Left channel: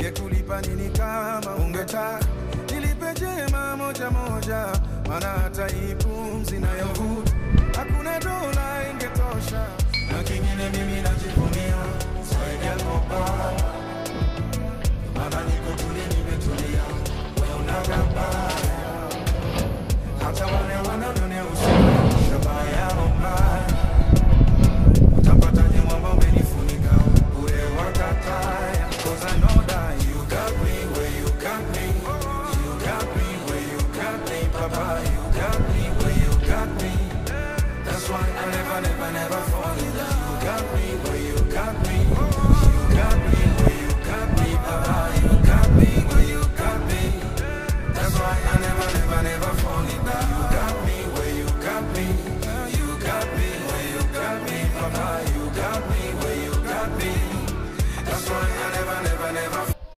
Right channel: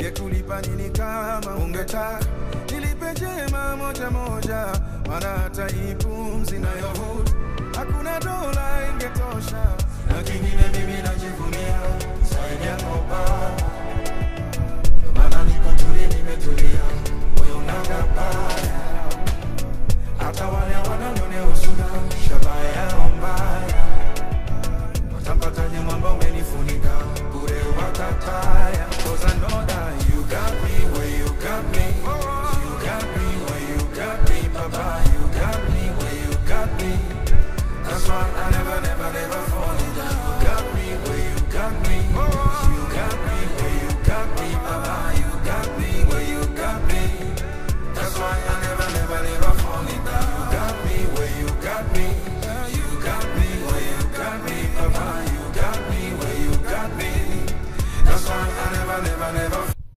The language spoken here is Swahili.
Ngekulipa nini kama ungetaka? Nilipe jema moja moja, maana hata hii pumzi nayovuta hakuna dola ingetosha. Na kingine mimi najivunia zaidi yako baba, maana niko tuli nimetulia, wewe unagabaya. Hata wale wananionea usiku shabaya mbaya, utampataje mwamba umenifunika bure wakataya. 'Cause I know that you got me where you got me, you got me where you got me, Papa, you got me where you got me. That's why I never fall in love. You got me where you got me, you got me where you got me, Papa, you got me where you got me. That's why I never fall in love.